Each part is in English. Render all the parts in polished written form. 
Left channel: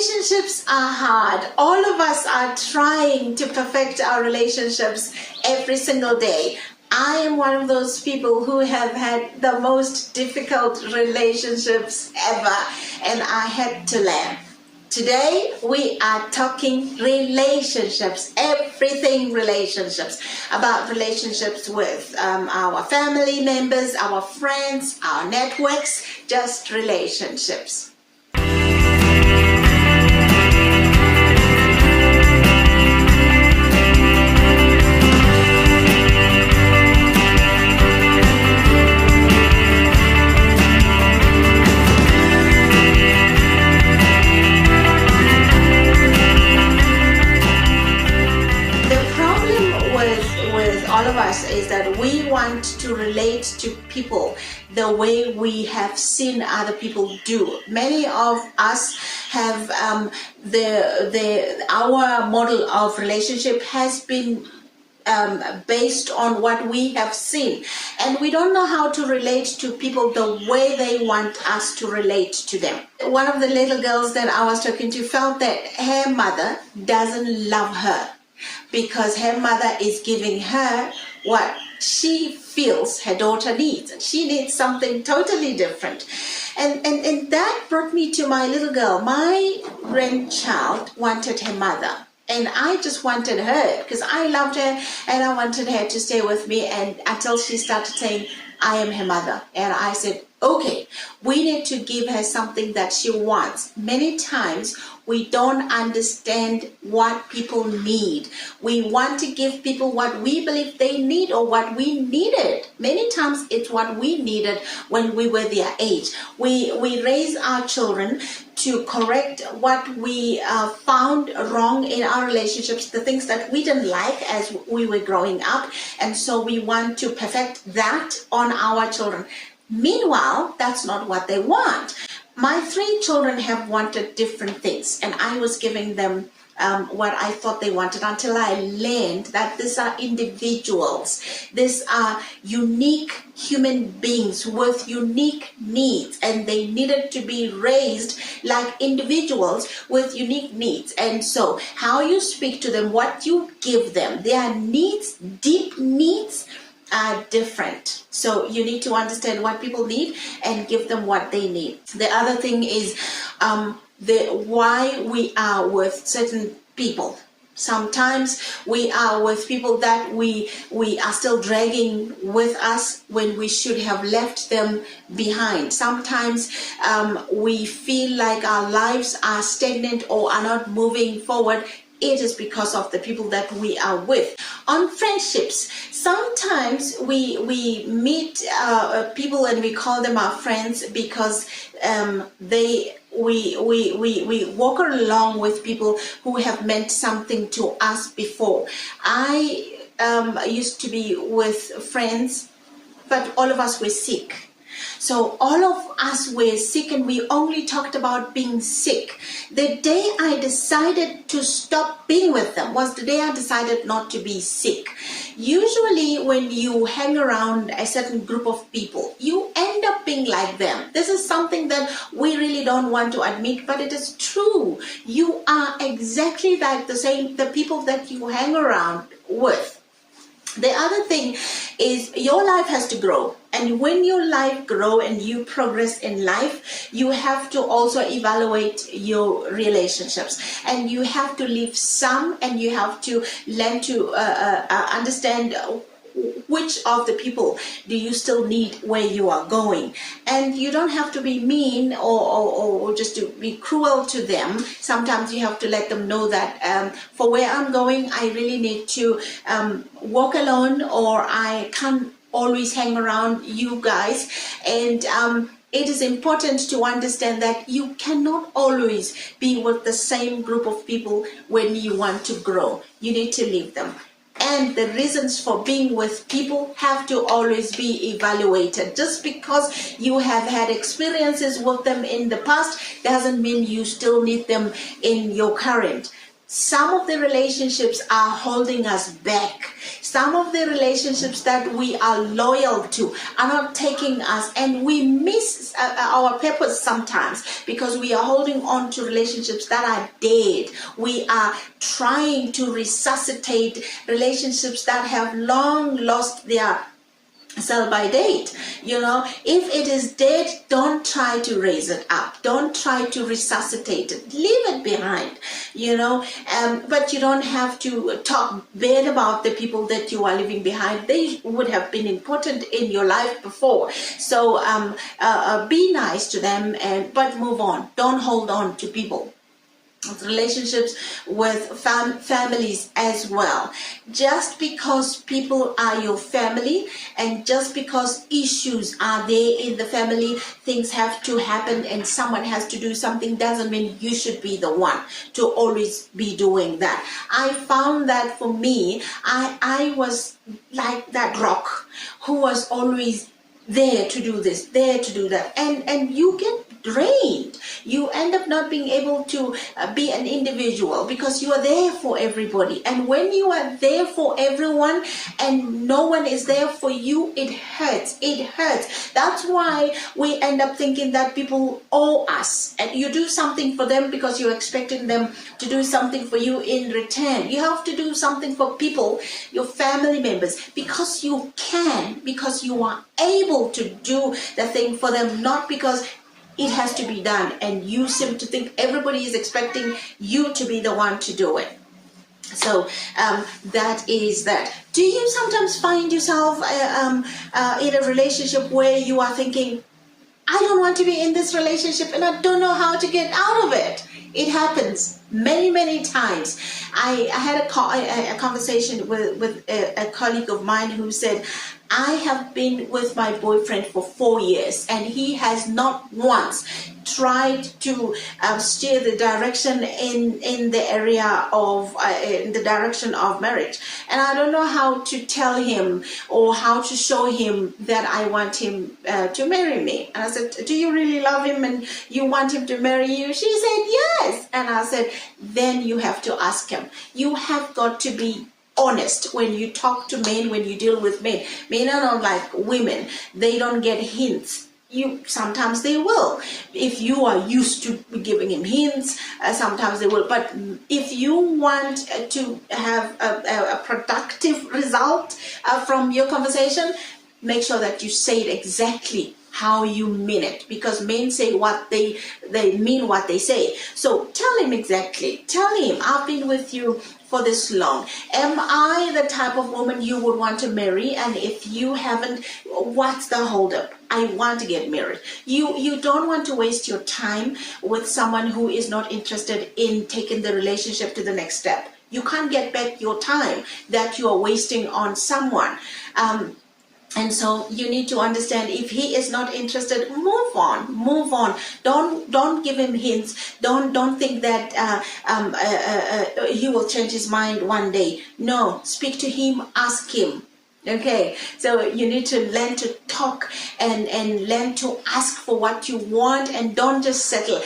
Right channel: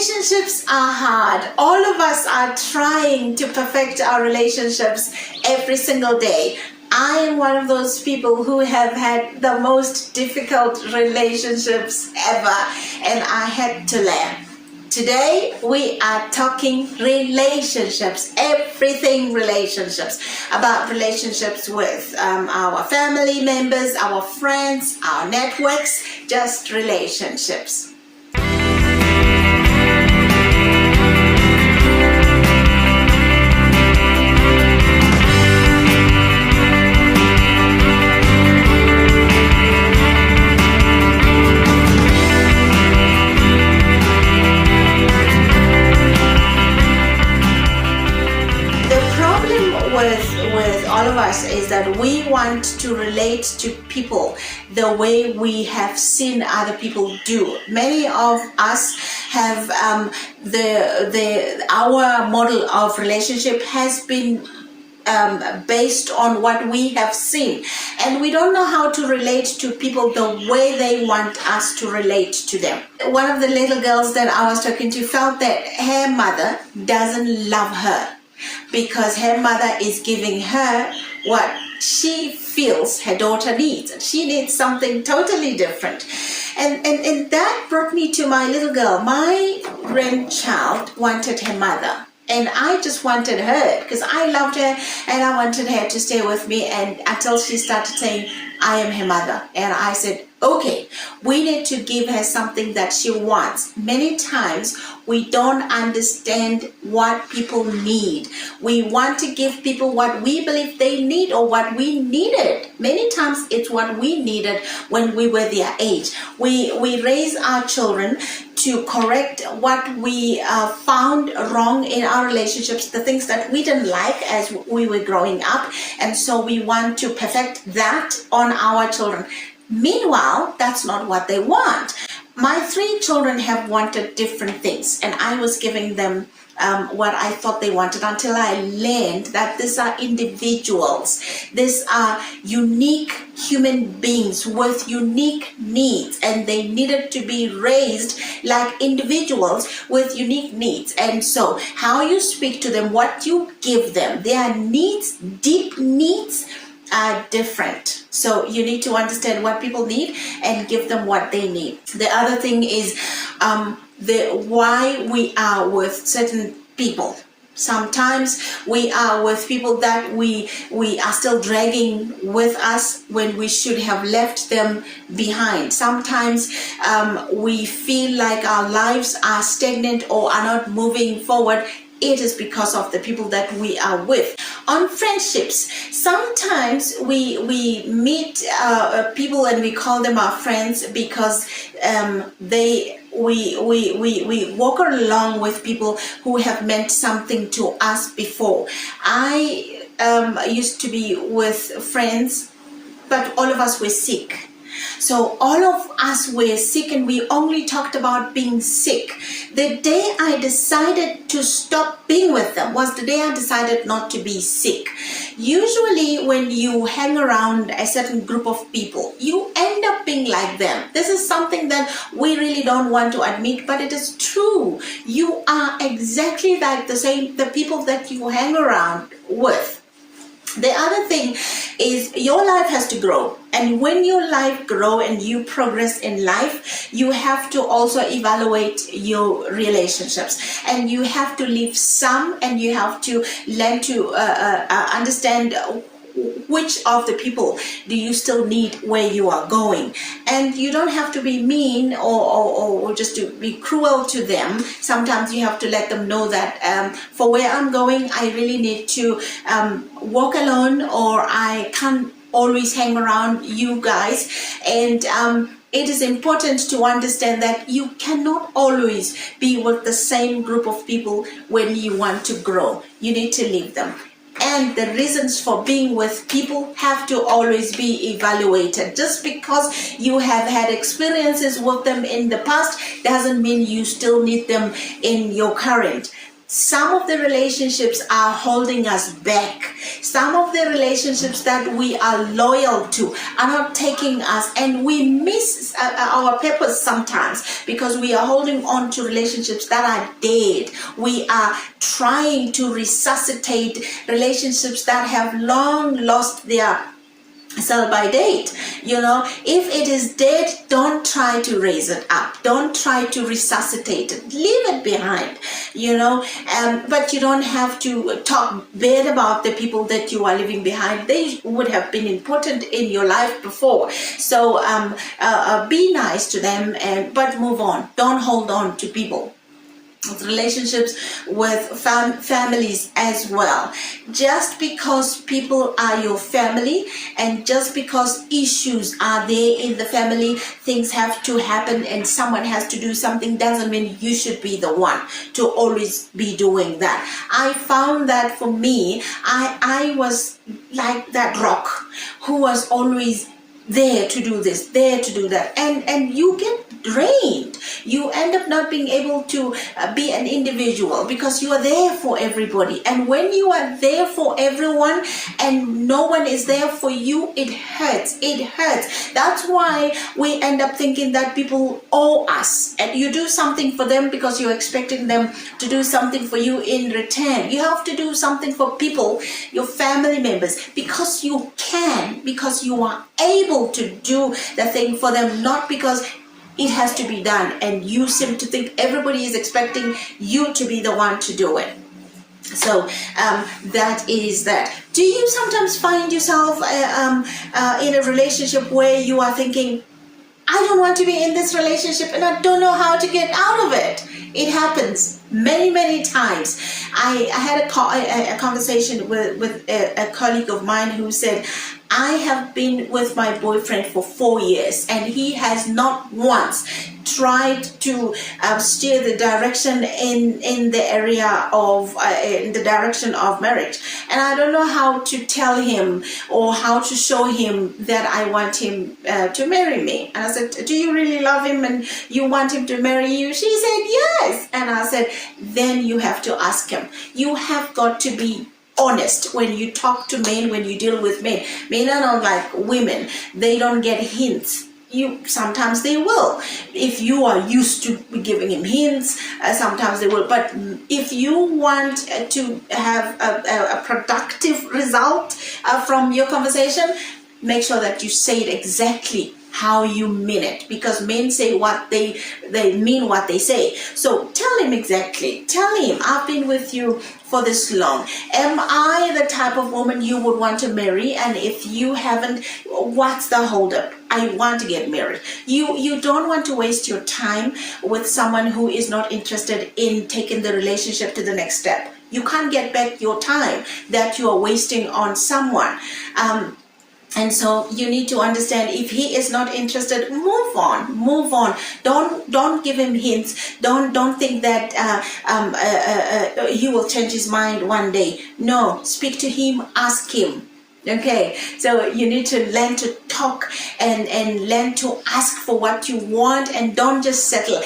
Relationships are hard. All of us are trying to perfect our relationships every single day. I am one of those people who have had the most difficult relationships ever, and I had to learn. Today we are talking relationships, everything relationships, about relationships with our family members, our friends, our networks, just relationships. We want to relate to people the way we have seen other people do. Many of us have our model of relationship has been based on what we have seen, and we don't know how to relate to people the way they want us to relate to them. One of the little girls that I was talking to felt that her mother doesn't love her because her mother is giving her what she feels her daughter needs. She needs something totally different. And that brought me to my little girl. My grandchild wanted her mother, and I just wanted her because I loved her and I wanted her to stay with me, and until she started saying, I am her mother. And I said, okay, we need to give her something that she wants. Many times we don't understand what people need. We want to give people what we believe they need or what we needed. Many times it's what we needed when we were their age. We raise our children to correct what we found wrong in our relationships, the things that we didn't like as we were growing up, and so we want to perfect that on our children. Meanwhile, that's not what they want. My 3 children have wanted different things, and I was giving them what I thought they wanted until I learned that these are individuals. These are unique human beings with unique needs, and they needed to be raised like individuals with unique needs. And so how you speak to them, what you give them, their needs, deep needs, are different. So you need to understand what people need and give them what they need. The other thing is why we are with certain people. Sometimes we are with people that we are still dragging with us when we should have left them behind. Sometimes we feel like our lives are stagnant or are not moving forward. It is because of the people that we are with. On friendships, sometimes we meet people and we call them our friends because we walk along with people who have meant something to us before. I used to be with friends, but all of us were sick. So all of us were sick, and we only talked about being sick. The day I decided to stop being with them was the day I decided not to be sick. Usually when you hang around a certain group of people, you end up being like them. This is something that we really don't want to admit, but it is true. You are exactly like the people that you hang around with. The other thing is your life has to grow, and when your life grows and you progress in life, you have to also evaluate your relationships, and you have to leave some, and you have to learn to understand which of the people do you still need where you are going. And you don't have to be mean or just to be cruel to them. Sometimes you have to let them know that for where I'm going, I really need to walk alone, or I can't always hang around you guys. And it is important to understand that you cannot always be with the same group of people when you want to grow. You need to leave them. And the reasons for being with people have to always be evaluated. Just because you have had experiences with them in the past doesn't mean you still need them in your current. Some of the relationships are holding us back. Some of the relationships that we are loyal to are not taking us, and we miss our purpose sometimes because we are holding on to relationships that are dead. We are trying to resuscitate relationships that have long lost their sell by date. If it is dead, don't try to raise it up, don't try to resuscitate it, leave it behind. But you don't have to talk bad about the people that you are leaving behind. They would have been important in your life before, so be nice to them, but move on. Don't hold on to people. With relationships with families as well. Just because people are your family, and just because issues are there in the family, things have to happen and someone has to do something, doesn't mean you should be the one to always be doing that. I found that for me, I was like that rock who was always there to do this, there to do that, and you get drained. You end up not being able to be an individual because you are there for everybody. And when you are there for everyone and no one is there for you, it hurts. It hurts. That's why we end up thinking that people owe us, and you do something for them because you're expecting them to do something for you in return. You have to do something for people, your family members, because you can, because you are able to do the thing for them, not because it has to be done and you seem to think everybody is expecting you to be the one to do it. So that is that. Do you sometimes find yourself in a relationship where you are thinking, I don't want to be in this relationship and I don't know how to get out of it? It happens many times. I had a conversation with a colleague of mine who said, I have been with my boyfriend for 4 years and he has not once tried to steer the direction in the area of in the direction of marriage, and I don't know how to tell him or how to show him that I want him to marry me. And I said, do you really love him and you want him to marry you? She said yes. And I said, then you have to ask him. You have got to be honest when you talk to men, when you deal with men. Men are not like women. They don't get hints. Sometimes they will. If you are used to giving him hints, sometimes they will. But if you want to have a productive result from your conversation, make sure that you say it exactly how you mean it, because men say what they mean what they say. So tell him exactly. Tell him, I've been with you for this long. Am I the type of woman you would want to marry? And if you haven't, what's the holdup? I want to get married. You don't want to waste your time with someone who is not interested in taking the relationship to the next step. You can't get back your time that you are wasting on someone. And so you need to understand, if he is not interested, move on. Don't give him hints. Don't think that he will change his mind one day. No, speak to him, ask him. Okay, so you need to learn to talk and learn to ask for what you want, and don't just settle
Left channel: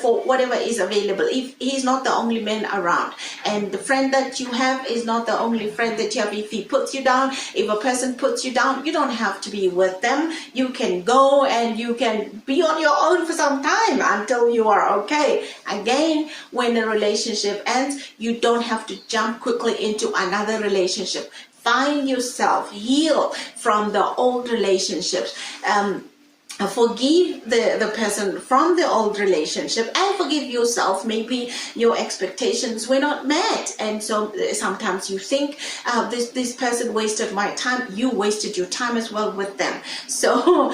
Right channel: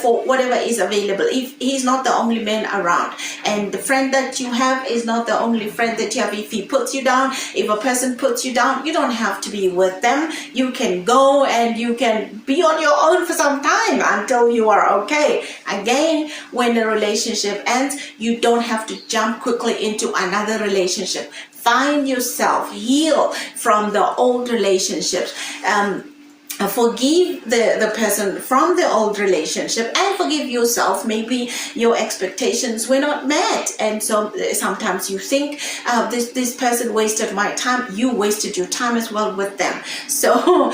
for whatever is available. If he's not the only man around, and the friend that you have is not the only friend that you have, if he puts you down, if a person puts you down, you don't have to be with them. You can go and you can be on your own for some time until you are okay. Again, when a relationship ends, you don't have to jump quickly into another relationship. Find yourself, heal from the old relationships. Forgive the person from the old relationship, and forgive yourself. Maybe your expectations were not met, and so sometimes you think this person wasted my time. You wasted your time as well with them. So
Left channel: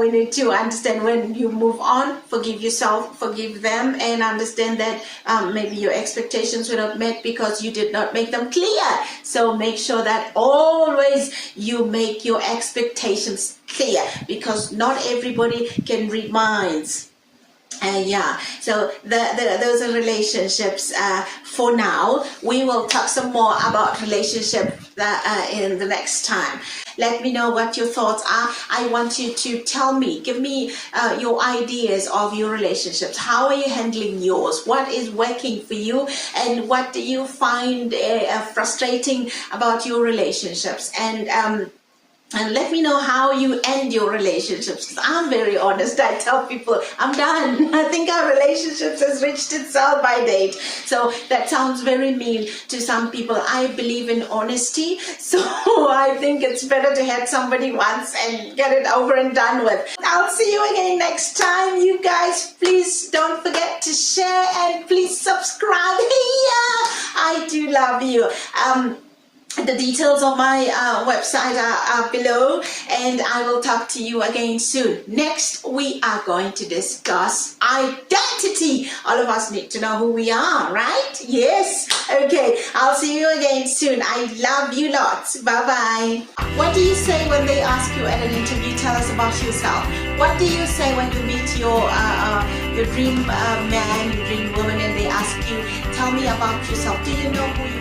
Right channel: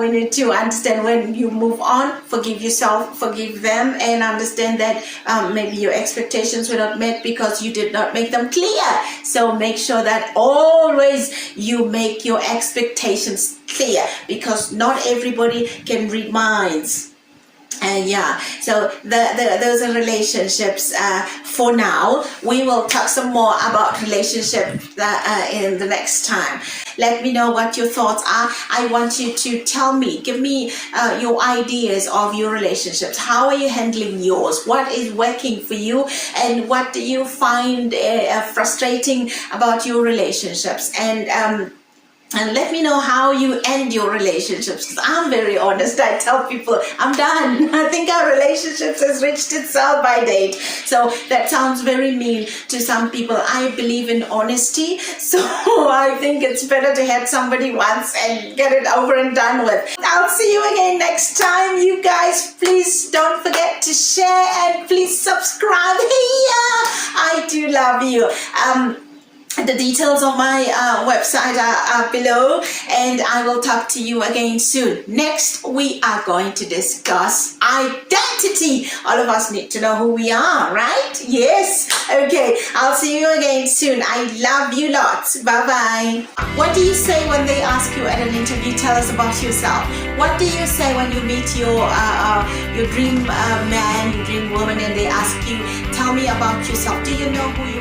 we need to understand, when you move on, forgive yourself, forgive them, and understand that maybe your expectations were not met because you did not make them clear. So make sure that always you make your expectations clear, because not everybody can read minds. Yeah, so those are relationships for now. We will talk some more about relationships in the next time. Let me know what your thoughts are. I want you to tell me, give me your ideas of your relationships. How are you handling yours? What is working for you? And what do you find frustrating about your relationships? And let me know how you end your relationships. Because I'm very honest. I tell people, I'm done. I think our relationships has reached its sell-by date. So that sounds very mean to some people. I believe in honesty. So I think it's better to have somebody once and get it over and done with. I'll see you again next time. You guys, please don't forget to share and please subscribe. I do love you. The details of my website are below, and I will talk to you again soon. Next, we are going to discuss identity. All of us need to know who we are, right? Yes. Okay, I'll see you again soon. I love you lots. Bye-bye. What do you say when they ask you at an interview, tell us about yourself? What do you say when you meet your dream man, your dream woman, and they ask you, tell me about yourself? Do you know who you